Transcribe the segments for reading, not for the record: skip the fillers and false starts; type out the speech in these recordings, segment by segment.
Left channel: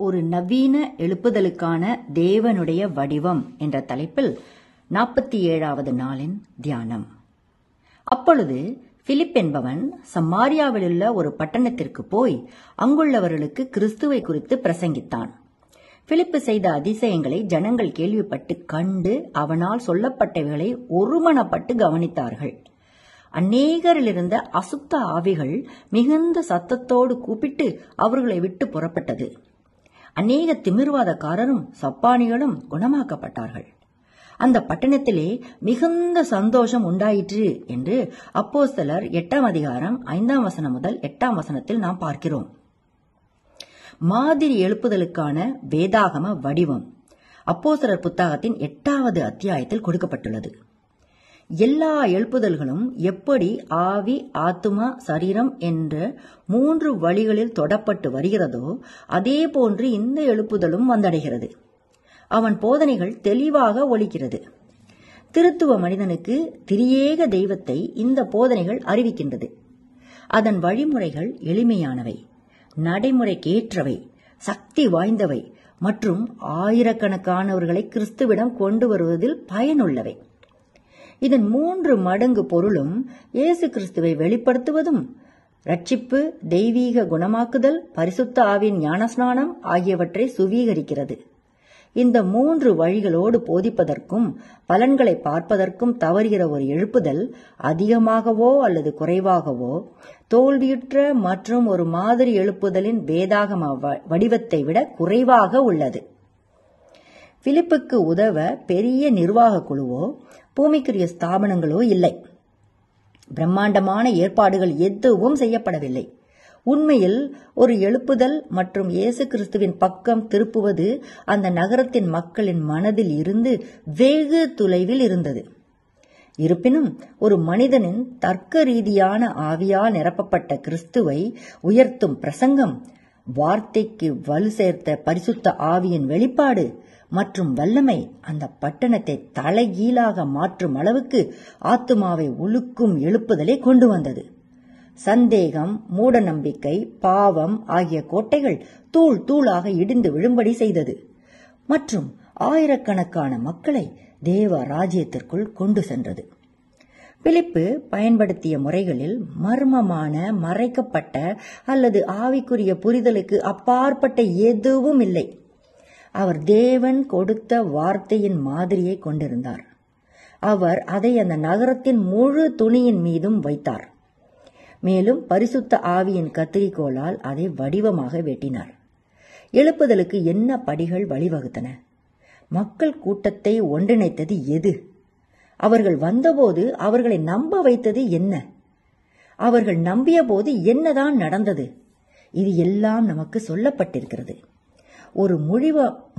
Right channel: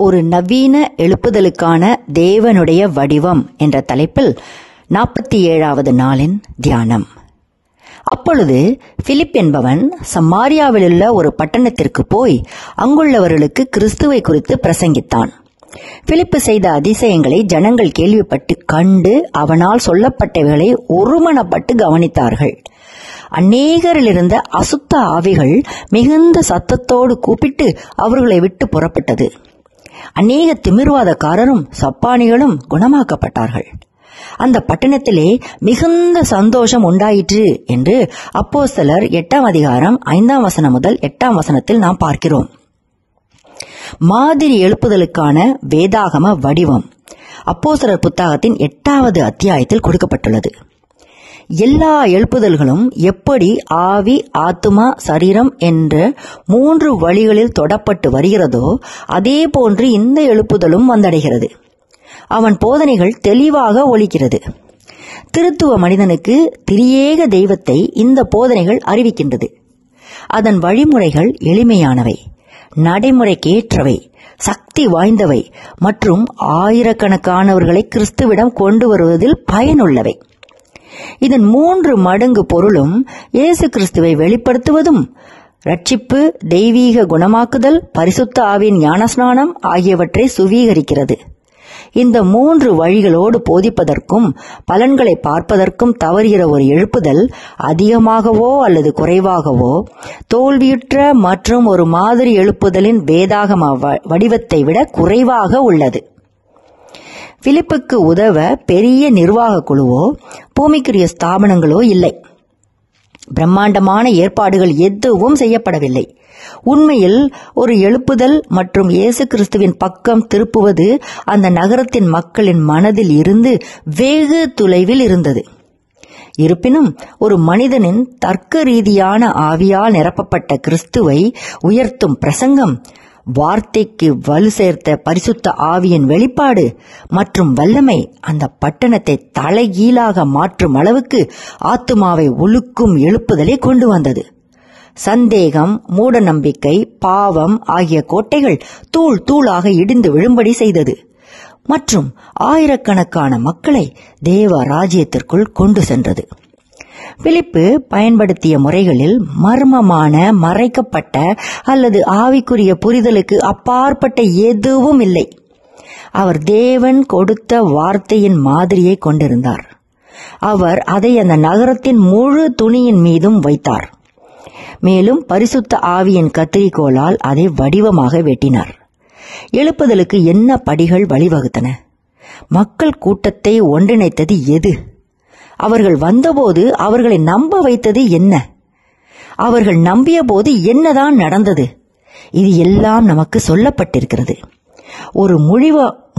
ஒரு நவீன எழுப்புதலுக்கான தேவனுடைய வடிவம் என்ற தலைப்பில் 47வது நாளின் தியானம். அப்பொழுது பிலிப் என்பவன் சமாரியாவிலுள்ள ஒரு பட்டணத்திற்கு போய் அங்குள்ளவர்களுக்கு கிறிஸ்துவை குறித்து பிரசங்கித்தான். பிலிப்பு செய்த அதிசயங்களை ஜனங்கள் கேள்விப்பட்டு கண்டு அவனால் சொல்லப்பட்டவைகளை ஒருமனப்பட்டு கவனித்தார்கள். அநேகரிலிருந்த அசுத்த ஆவிகள் மிகுந்த சத்தத்தோடு கூப்பிட்டு அவர்களை விட்டு புறப்பட்டது. அநேக திமிர்வாதக்காரரும் சப்பானிகளும் குணமாக்கப்பட்டார்கள். அந்த பட்டணத்திலே மிகுந்த சந்தோஷம் உண்டாயிற்று என்று அப்போஸ்தலர் 8ஆம் அதிகாரம் 5ஆம் வசனம் முதல் 8ஆம் வசனத்தில் நாம் பார்க்கிறோம். மாதிரி எழுப்புதலுக்கான வேதாகம வடிவம் அப்போஸ்தலர் புத்தகத்தின் 8வது அத்தியாயத்தில் கொடுக்கப்பட்டுள்ளது. எல்லா எழுப்புதல்களும் எப்படி ஆவி, ஆத்துமா, சரீரம் என்ற 3 வழிகளில் தொடப்பட்டு வருகிறதோ அதே போன்று இந்த எழுப்புதலும் வந்தடைகிறது. அவன் போதனைகள் தெளிவாக ஒலிக்கிறது. திருத்துவ மனிதனுக்கு திரியேக தெய்வத்தை இந்த போதனைகள் அறிவிக்கின்றது. அதன் வழிமுறைகள் எளிமையானவை, நடைமுறைக்கேற்றவை, சக்தி வாய்ந்தவை மற்றும் ஆயிரக்கணக்கானவர்களை கிறிஸ்துவிடம் கொண்டு வருவதில் பயனுள்ளவை. இதன் 3 மடங்கு பொருளும் இயேசு கிறிஸ்துவை வெளிப்படுத்துவதும், ரட்சிப்பு, தெய்வீக குணமாக்குதல், பரிசுத்த ஆவியின் ஞானஸ்நானம் ஆகியவற்றை சுவீகரிக்கிறது. இந்த 3 வழிகளோடு போதிப்பதற்கும் பலன்களை பார்ப்பதற்கும் தவறுகிற ஒரு எழுப்புதல் அதிகமாகவோ அல்லது குறைவாகவோ தோல்வியுற்ற மற்றும் ஒரு மாதிரி எழுப்புதலின் வேதாகம வடிவத்தை விட குறைவாக உள்ளது. பிலிப்புக்கு உதவ பெரிய நிர்வாக குழுவோ பூமிக்குரிய ஸ்தாபனங்களோ இல்லை. பிரம்மாண்டமான ஏற்பாடுகள் எதுவும் செய்யப்படவில்லை. உண்மையில் ஒரு எழுப்புதல் மற்றும் இயேசு கிறிஸ்துவின் பக்கம் திருப்புவது அந்த நகரத்தின் மக்களின் மனதில் இருந்து வெகு தொலைவில் இருந்தது. இருப்பினும் ஒரு மனிதனின் தர்க்க ரீதியான ஆவியால் நிரப்பப்பட்ட கிறிஸ்துவை உயர்த்தும் பிரசங்கம், வார்த்தைக்கு வலு சேர்த்த பரிசுத்த ஆவியின் வெளிப்பாடு மற்றும் வல்லமை அந்த பட்டணத்தை தலைகீழாக மாற்றும் அளவுக்கு ஆத்துமாவை ஒழுக்கும் எழுப்புதலை கொண்டு வந்தது. சந்தேகம், மூட நம்பிக்கை, பாவம் ஆகிய கோட்டைகள் தூள் தூளாக இடிந்து விழும்படி செய்தது மற்றும் ஆயிரக்கணக்கான மக்களை தேவ ராஜ்யத்திற்குள் கொண்டு சென்றது. பிலிப்பு பயன்படுத்திய முறைகளில் மர்மமான, மறைக்கப்பட்ட அல்லது ஆவிக்குரிய புரிதலுக்கு அப்பாற்பட்ட எதுவும் இல்லை. அவர் தேவன் கொடுத்த வார்த்தையின் மாதிரியை கொண்டிருந்தார். அவர் அதை அந்த நகரத்தின் முழு துணியின் மீதும் வைத்தார். மேலும் பரிசுத்த ஆவியின் கத்திரிக்கோளால் அதை வடிவமாக வெட்டினார். எழுப்புதலுக்கு என்ன படிகள் வழிவகுத்தன? மக்கள் கூட்டத்தை ஒன்றிணைத்தது எது? அவர்கள் வந்தபோது அவர்களை நம்ப வைத்தது என்ன? அவர்கள் நம்பிய போது என்னதான் நடந்தது? இது எல்லாம் நமக்கு சொல்லப்பட்டிருக்கிறது. ஒரு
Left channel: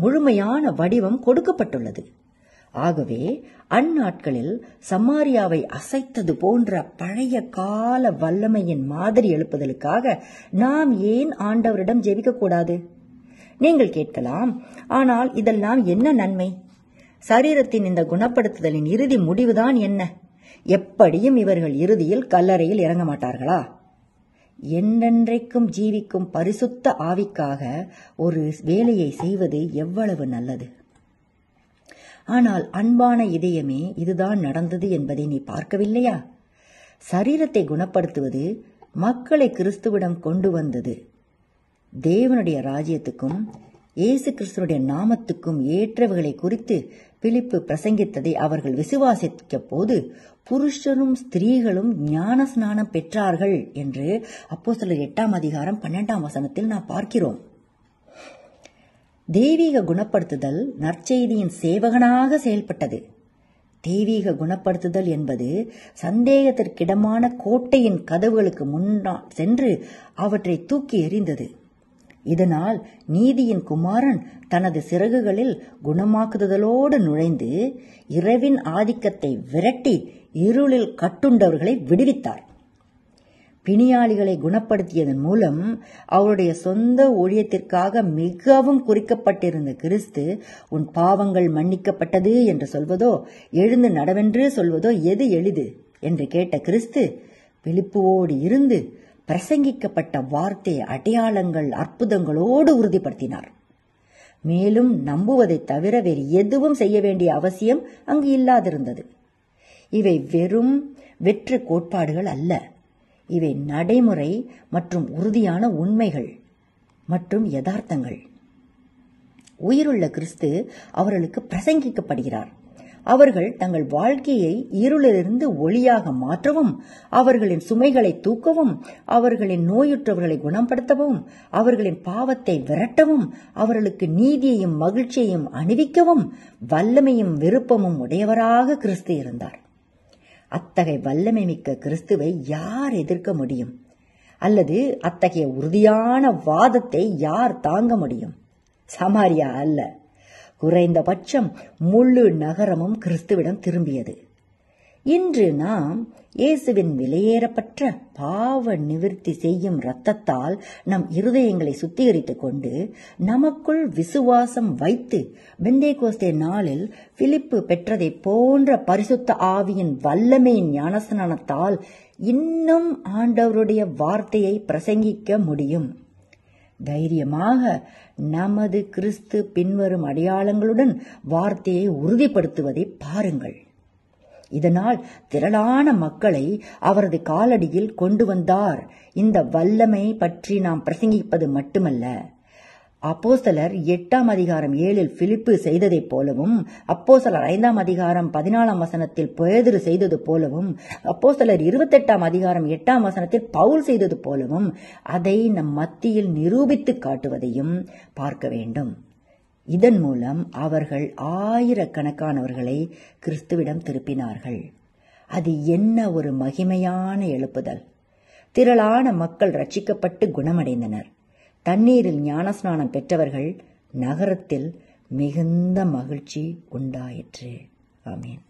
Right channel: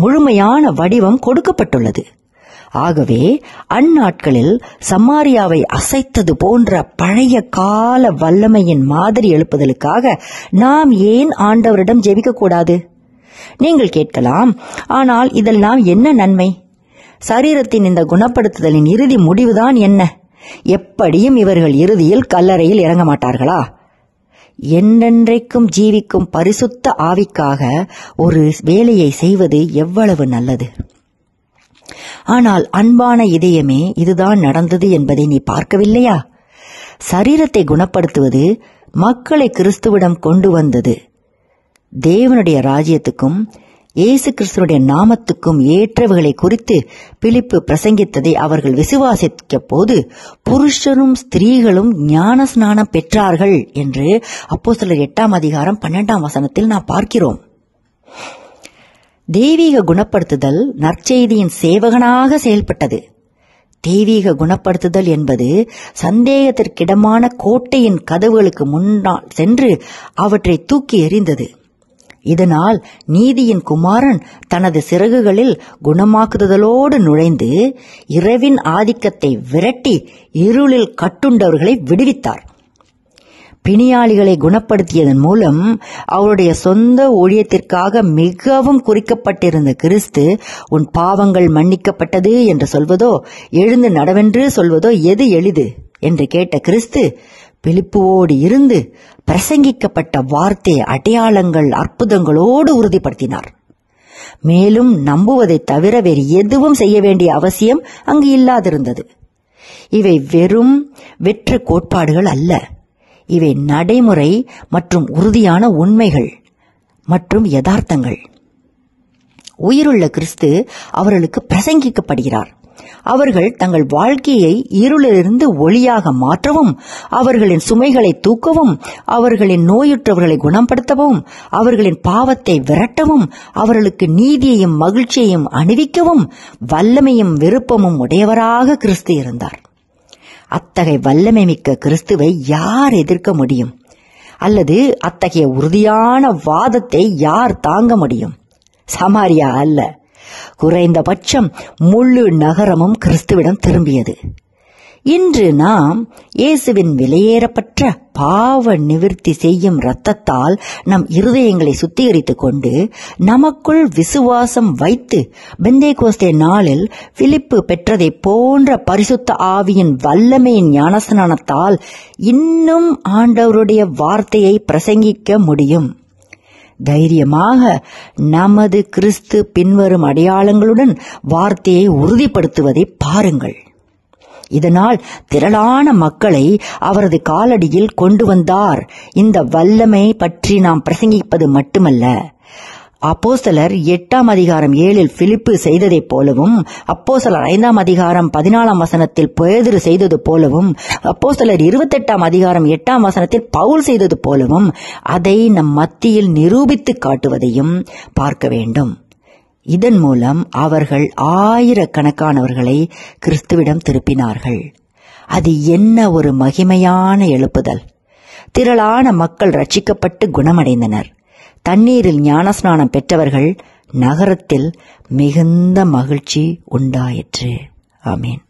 முழுமையான வடிவம் கொடுக்கப்பட்டுள்ளது. ஆகவே அந்நாட்களில் சமாரியாவை அசைத்தது போன்ற பழைய கால வல்லமையின் மாதிரி எழுப்புதலுக்காக நாம் ஏன் ஆண்டவரிடம் ஜெபிக்கக்கூடாது? நீங்கள் கேட்கலாம், ஆனால் இதெல்லாம் என்ன நன்மை? சரீரத்தின் இந்த குணப்படுத்துதலின் இறுதி முடிவுதான் என்ன? எப்படியும் இவர்கள் இறுதியில் கல்லறையில் இறங்க மாட்டார்களா? என்றென்றைக்கும் ஜீவிக்கும் பரிசுத்த ஆவிக்காக ஒரு வேலையை செய்வது எவ்வளவு நல்லது! ஆனால் அன்பான இதயமே, இதுதான் நடந்தது என்பதை நீ பார்க்கவில்லையா? சரீரத்தை குணப்படுத்துவது மக்களை கிறிஸ்துவிடம் கொண்டு வந்தது. தேவனுடைய ராஜ்யத்துக்கும் இயேசு கிறிஸ்துடைய நாமத்துக்கும் ஏற்றவைகளை குறித்து பிலிப்பு பிரசங்கித்ததை அவர்கள் விசுவாசிக்க போது புருஷரும் ஸ்திரீகளும் ஞான ஸ்நானம் பெற்றார்கள் என்று அப்போஸ்தலர் 8ஆம் அதிகாரம் 12ஆம் வசனத்தில் நாம் பார்க்கிறோம். தெய்வீக குணப்படுத்துதல் நற்செய்தியின் சேவகனாக செயல்பட்டது. தெய்வீக குணப்படுத்துதல் என்பது சந்தேகத்திற்கிடமான கோட்டையின் கதவுகளுக்கு முன்னால் சென்று அவற்றை தூக்கி எறிந்தது. இதனால் நீதியின் குமாரன் தனது சிறகுகளில் குணமாக்குதலோடு நுழைந்து இரவின் ஆதிக்கத்தை விரட்டி இருளில் கட்டுண்டவர்களை விடுவித்தார். பிணியாளிகளை குணப்படுத்தியதன் மூலம் அவருடைய சொந்த ஊழியத்திற்காக மிகவும் குறிக்கப்பட்டிருந்த கிறிஸ்து, உன் பாவங்கள் மன்னிக்கப்பட்டது என்று சொல்வதோ எழுந்து நடவென்று சொல்வதோ எது எளிது என்று கேட்ட கிறிஸ்து பிலிப்புவோடு இருந்து பிரசங்கிக்கப்பட்ட வார்த்தை அடையாளங்கள் அற்புதங்களோடு உறுதிப்படுத்தினார். மேலும் நம்புவதை தவிர வேறு எதுவும் செய்ய வேண்டிய அவசியம் அங்கு இல்லாதிருந்தது. இவை வெறும் வெற்று கோட்பாடுகள் அல்ல, இவை நடைமுறை மற்றும் உறுதியான உண்மைகள் மற்றும் யதார்த்தங்கள். உயிருள்ள கிறிஸ்து அவர்களுக்கு பிரசங்கிக்கப்படுகிறார். அவர்கள் தங்கள் வாழ்க்கையை இருளிலிருந்து ஒளியாக மாற்றவும், அவர்களின் சுமைகளை தூக்கவும், அவர்களின் நோயுற்றவர்களை குணப்படுத்தவும், அவர்களின் பாவத்தை விரட்டவும், அவர்களுக்கு நீதியையும் மகிழ்ச்சியையும் அணிவிக்கவும் வல்லமையும் விருப்பமும் உடையவராக கிறிஸ்து இருந்தார். அத்தகைய வல்லமை மிக்க கிறிஸ்துவை யார் எதிர்க்க முடியும்? அல்லது அத்தகைய உறுதியான வாதத்தை யார் தாங்க முடியும்? சமாரியா அல்ல, குறைந்தபட்சம் முழு நகரமும் கிறிஸ்துவிடம் திரும்பியது. இன்று நாம் இயேசுவின் விலையேறப்பட்ட பாவ நிவிர்த்தி செய்யும் இரத்தத்தால் நம் இருதயங்களை சுத்திகரித்துக் கொண்டு நமக்குள் விசுவாசம் வைத்து பெந்தேகோஸ்தே நாளில் பிலிப்பு பெற்றதை போன்ற பரிசுத்த ஆவியின் வல்லமையின் ஞானஸ்நானத்தால் இன்னும் ஆண்டவருடைய வார்த்தையை பிரசங்கிக்க முடியும். தைரியமாக நமது கிறிஸ்து பின்வரும் அடையாளங்களுடன் வார்த்தையை உறுதிப்படுத்துவதை பாருங்கள். இதனால் திரளான மக்களை அவரது காலடியில் கொண்டு வந்தார். இந்த வல்லமை பற்றி நாம் பிரசங்கிப்பது மட்டுமல்ல, அப்போஸ்தலர் 8:7 பிலிப்பு செய்ததைப் போலவும், அப்போஸ்தலர் 5:14 பேதுரு செய்தது போலவும், அப்போஸ்தலர் 28:8 பவுல் செய்தது போலவும் அதை நம் மத்தியில் நிரூபித்து காட்டுவதையும் பார்க்க வேண்டும். இதன் மூலம் அவர்கள் ஆயிரக்கணக்கானவர்களை கிறிஸ்துவிடம் திருப்பினார்கள். அது என்ன ஒரு மகிமையான எழுப்புதல்! திரளான மக்கள் ரட்சிக்கப்பட்டு குணமடைந்தனர். தண்ணீரில் ஞானஸ்நானம் பெற்றவர்கள் நகரத்தில் மிகுந்த மகிழ்ச்சி உண்டாயிற்று. ஆமீன்.